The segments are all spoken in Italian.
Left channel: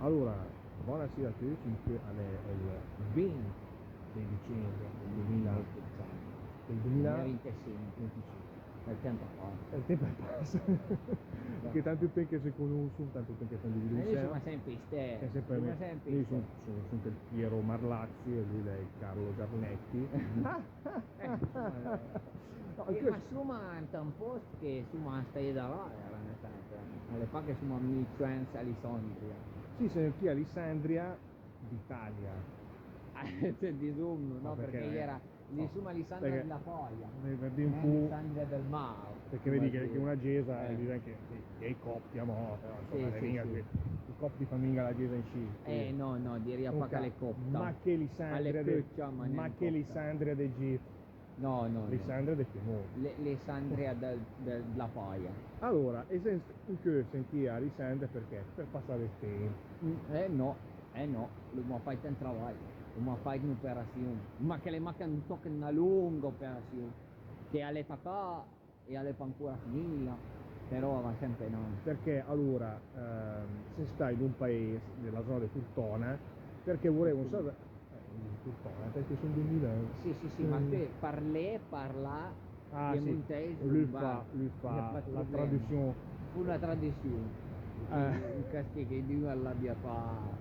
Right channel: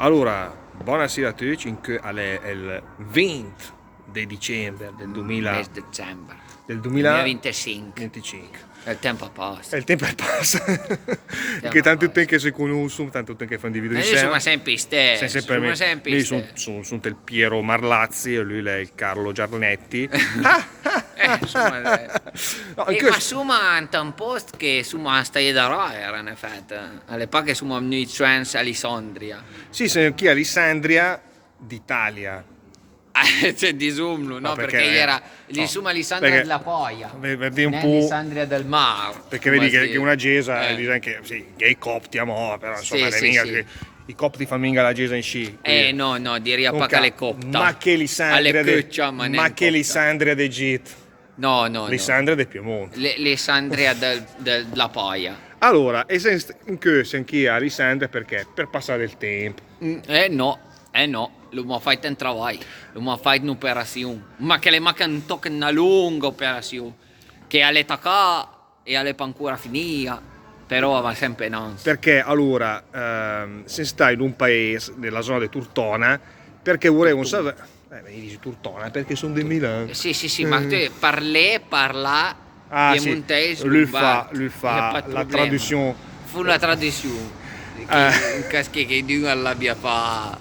Allora, buonasera a tutti, è il 20 di dicembre del 2000, Mes dicembre del 2025. 2025. Il tempo E passa. il tempo passa, che tanto passa. tempo che si conoscono, tanto tempo che fanno di video Noi insieme. siamo sempre Sei stessi, sempre me. siamo sempre Io stessi. sono il Piero Marlazzi e lui è il Carlo Giarnetti. Insomma, No, e anche ma siamo in un posto che siamo stati da era in effetti. Alle pacche siamo noi trans Alessandria. sì, sono chi Alessandria d'Italia. C'è di Zoom, No, no? Perché era no, di Suma Alessandria perché della Poia. vedi un Non po'. Alessandria del Mar. Perché come vedi si che dice. una gesa dice anche sì, gay copti amo, però insomma Sì, sì, sì. i copti fanno minga la gesa in sci. No, direi Non pacca ca- le copta. ma che Lisandria Alle coccia, ma ma non che copta. Lisandria d'Egitto, No. Lisandria del Piemonte. Alessandria della Poia. Allora, e se in che anch'io a Lisandria perché? Per passare il tempo. No. Lo ma fatto un lavoro. Lo ma fatto un'operazione. Ma che le manca un tocco una lunga operazione. Che alle tacca e alle ancora finita. Però va sempre non. Perché allora se stai in un paese nella zona di Turtona, perché volevo sapere mi dici Turtona perché sono di Milano. Sì, ma tu parla Ah sì, piemontese, lui lombardo. fa la traduzione. Fu una tradizione. In casche che Dio l'abbia fa.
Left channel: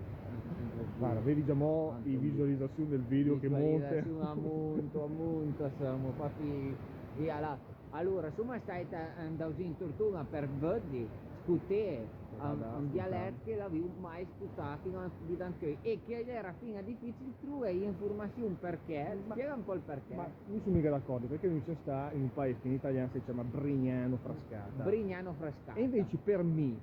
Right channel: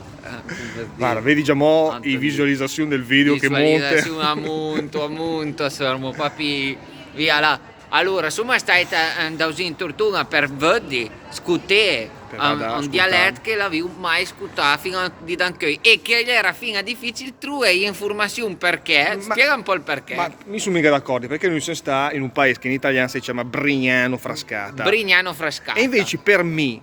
Guarda, vedi già mo' Tanto i di visualizzazione del video che monte. Visualizzazione a monte, sormo papi, via là. Allora, insomma, stai andando in Tortona per vedere, scutare Per vada a un ascoltare. dialetto che l'avevo mai ascoltato fino a di Danchoi e che era fino a difficile trovare informazioni perché. Spiega un po' il perché. Ma mi sono mica d'accordo perché noi siamo sta in un paese che in italiano si chiama Brignano Frascata. Brignano Frascata. E invece per me,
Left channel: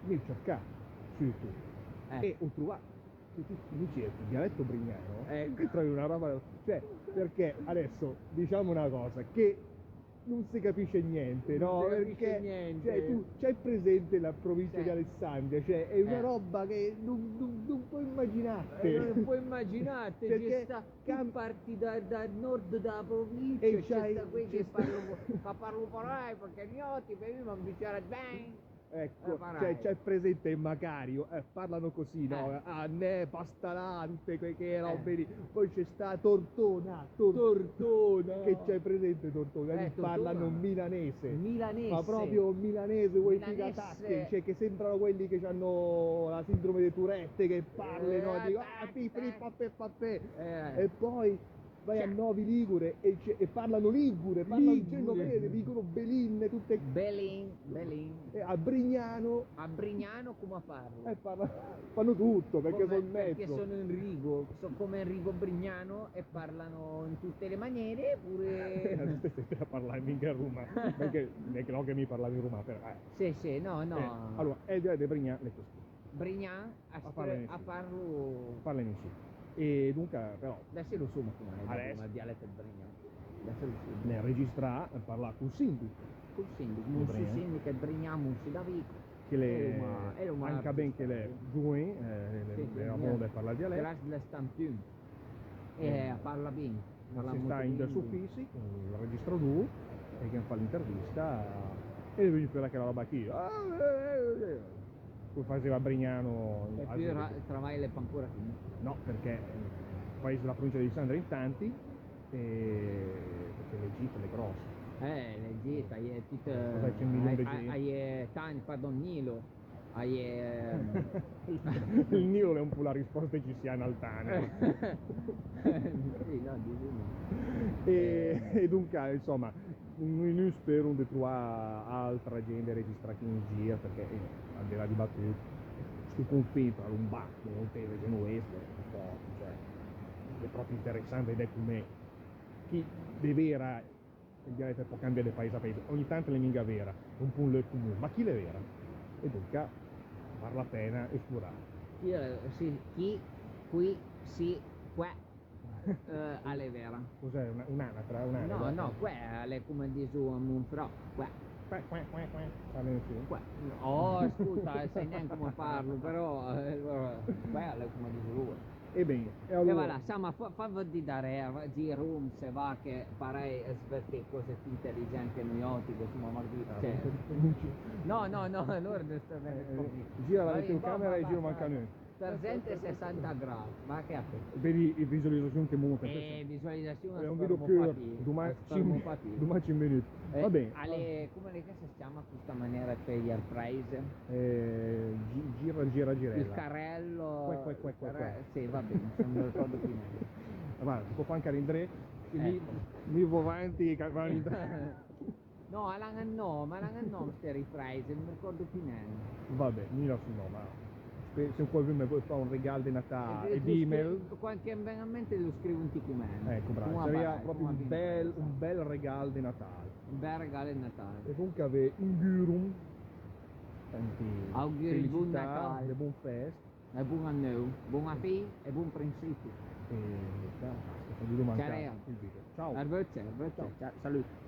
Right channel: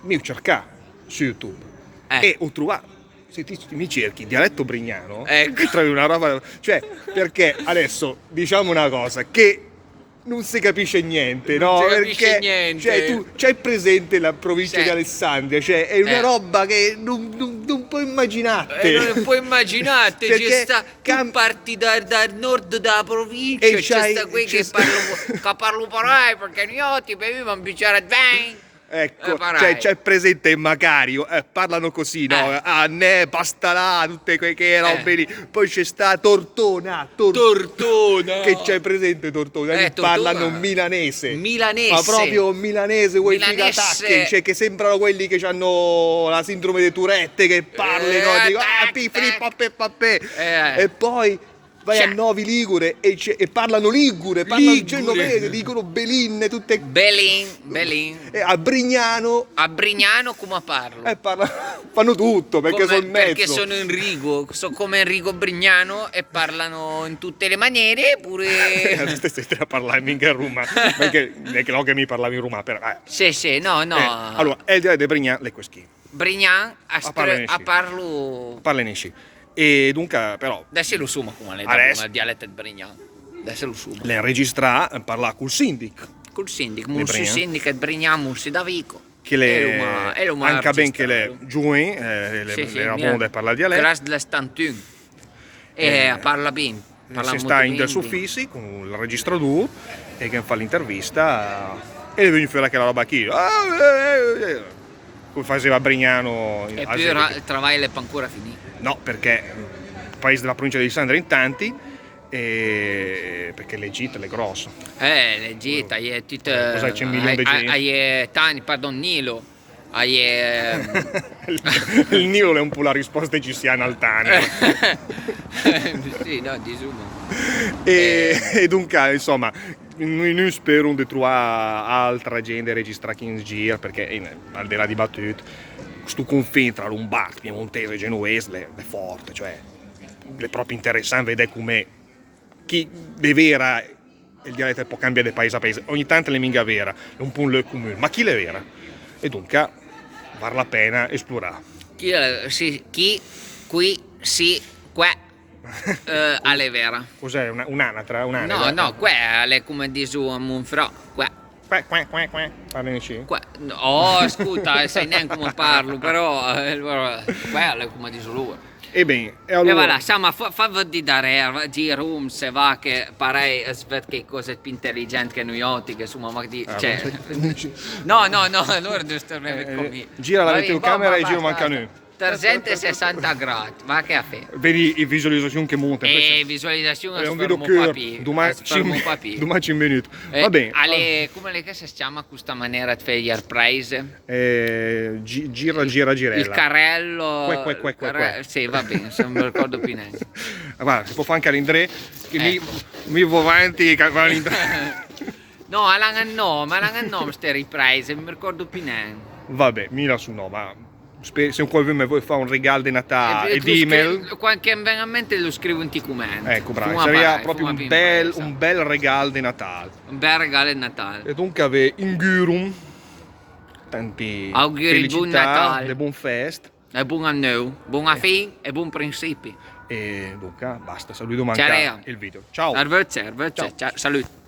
mi ho cercato su YouTube e ho trovato. Se mi cerchi dialetto brignano, Ecco. trovi una roba. Cioè, perché adesso diciamo una cosa che non si capisce niente, Non no? si capisce Perché niente. cioè, tu c'hai presente la provincia Sì. di Alessandria, cioè è una Eh. roba che non puoi immaginare. Non puoi immaginare, Perché c'è sta, tu parti dal nord della provincia, E c'è c'hai- sta qui c'è che sta- parlo parai perché io ti bevivo un bicchiere di vino. Ecco, parai. c'è presente in Macario, parlano così, no? Ah, ne, basta là, tutte quelle robe lì. Poi c'è sta Tortona, Tortona. che c'è presente Tortona? Lì Tortona. parlano milanese. Milanese. Ma proprio milanese, quei Milanese. figatacchi, cioè che sembrano quelli che hanno la sindrome di Tourette, che parlano, dico, pappè. E poi vai a Novi Ligure e parlano ligure, parlano genovese, dicono belinne, tutte. Belin. E a Brignano A Brignano come parlo? fanno tutto perché sono in mezzo. Perché sono Enrico, sono come Enrico Brignano e parlano in tutte le maniere, pure. Stai a parlare mica in rumano, perché no che mi parlavi in rumano, però. Sì, no. Allora, è il dialetto di Brignano, le queschi. Brignan Parla parlo. Parlenisci. E dunque, però, Adesso lo sumo come Adesso. il dialetto di Brignan. Adesso lo sumo. le registra parla col sindic. Col sindic, Di mulsi Brignan. sindic e Brignan mulsi da Vico. Che le E lo anche ben che le registrato. giù le rabonde parla il dialetto. Classe della Stantun. E parla bene. Parla Si molto sta in bene, del suffissi con il registratore e che fa l'intervista e viene fuori che la roba qui. Come faceva Brignano. E più il travaglio è ancora finito. No, perché il paese della provincia di Alessandria in tanti, perché l'Egitto è grosso. L'Egitto, hai tutte. Cos'hai, c'è un milione di gente? Hai Tani, pardon, Nilo. Hai. Il Nilo è un po' la risposta egiziana al Tani. Sì, no, disumo. E dunque, insomma, noi spero di trovare altra gente registrata in giro, perché al di là di battute, questo confine tra Lombardo, Piemontese e Genovese è forte, cioè è proprio interessante vedere come chi è vera il dialetto può cambiare da paese a paese, ogni tanto le minga vera, è un po' un le comune, ma chi è vera? E dunque vale la pena esplorare. Chi qui si qua alle vera. Cos'è un'anatra? No, qua è come dice un monfrò, qua. Parlanici. Oh, ascolta, sai neanche come parlo, però quello è come dice lui. E bene, e E allora... voilà, insomma, fa di dare G-Room se va che parei sved che cose più intelligenti che noi altri, che insomma, ma di... Cioè... No, allora devo stare con me. Gira la telecamera e giro manca noi. 360 gradi, va che a fe. Vedi la visualizzazione che monta. E visualizzazione È un sfermo video che papi. domani Sfermo papi. 5 minuti. Va bene. Come le che si chiama questa maniera di fare gli airpraise? Girella. Il carrello. Que. Sì, va bene, se non mi ricordo più neanche. Guarda, si può fare anche all'Indre, che lì mi va avanti che va all'Indre. No, all'anno ste riprese, non mi ricordo più neanche. Vabbè, mira su no, ma se qualcuno vuole fare un regalo di Natale e di email, qualche veramente lo scrivo in commenti. ecco, bravo, sarebbe proprio un bel regalo di Natale. Un bel regalo di Natale. E dunque ave ingurum tanti auguri buon Natale, e buon fest e buon anno, buona fine e buon principi. e dunque basta, saluto manca il video. Ciao. Arrivederci, ciao, saluti.